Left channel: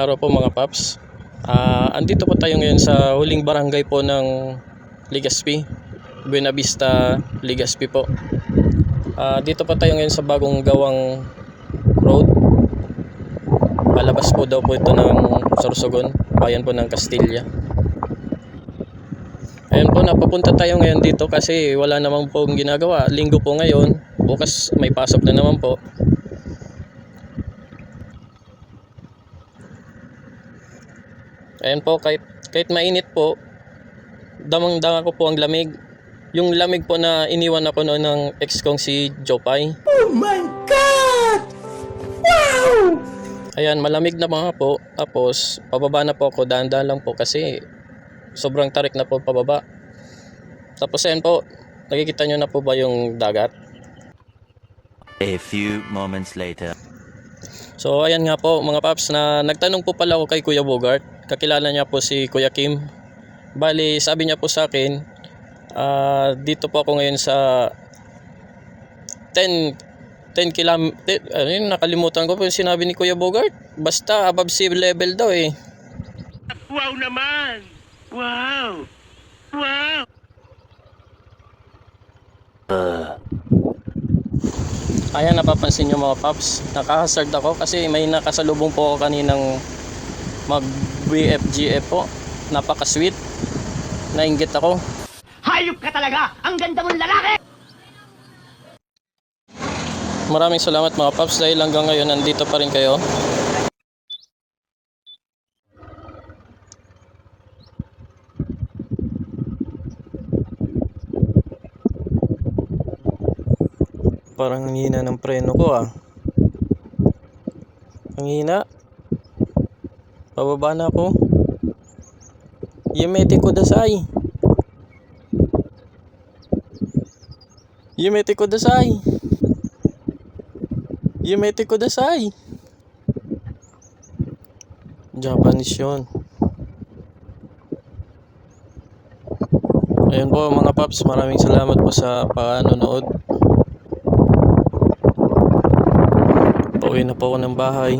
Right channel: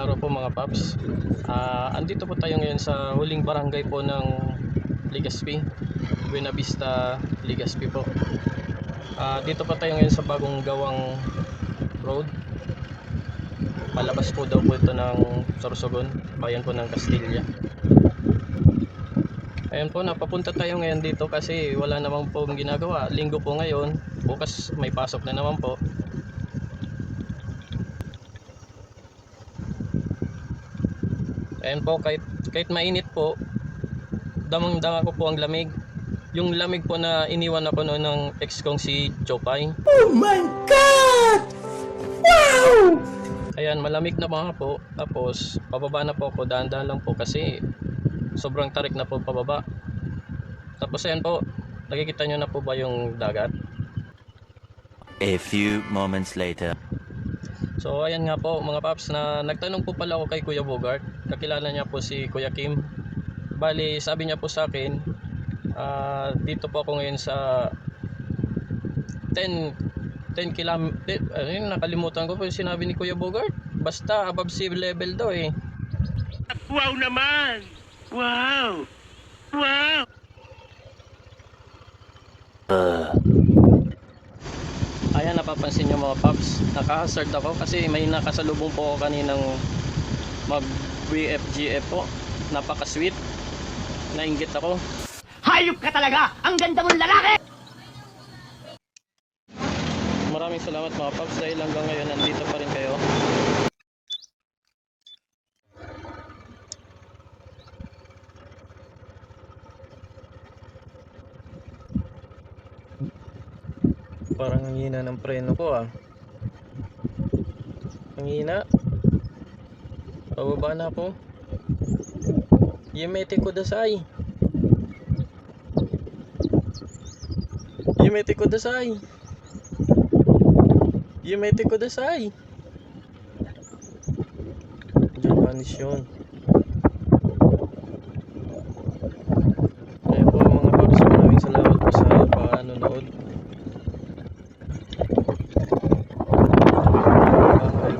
Magandang araw po mga paps. Andito po tayo ngayon sa huling barangay po ng Legazpi, Buena Vista, Legazpi po. Dito po tayo ngayon sa bagong gawang road. Palabas po daw po ito ng Sorsogon, bayan po ng Castilla. Ayan po, napapunta tayo ngayon dito kasi wala namang pong ginagawa. Linggo po ngayon, bukas may pasok na naman po. Ayan po, kahit mainit po, damang-dama ko po ang lamig. Yung lamig po na iniwan ako noon ng ex kong si Jopay. Oh my God! Wow! Ayan, malamig na mga po. Tapos, pababa na po ako, dahan-dahan lang po kasi sobrang tarik na po pababa. Tapos ayan po, nakikita nyo na po ba yung dagat? A few moments later. So ayan nga po mga paps, na nagtanong po pala ako kay Kuya Bogart. Kakilala niya po si Kuya Kim. Bali sabi niya po sa akin, dito po ako ngayon sa 10 km. Nakalimutan ko po yung sinabi ni Kuya Bogart. Basta above sea level daw eh. Wow naman! Wow! Wow! Ayan, napapansin nyo mga paps, nakahazard ako kasi may nakasalubong po ako kaninang mag BFGF po. Napaka-sweet, nainggit ako. Hayop ka talaga! Ang ganda mong lalaki! Maraming salamat mga paps dahil hanggang ngayon nandito pa rin kayo. Parang ang hina ng preno ko ah. Ang hina. Pababa na ako. Yumete kudasai. Yumete kudasai. Yumete kudasai. Japanese yun. Ayan po mga paps, maraming salamat po sa panonood. Pauwi na po ako ng bahay.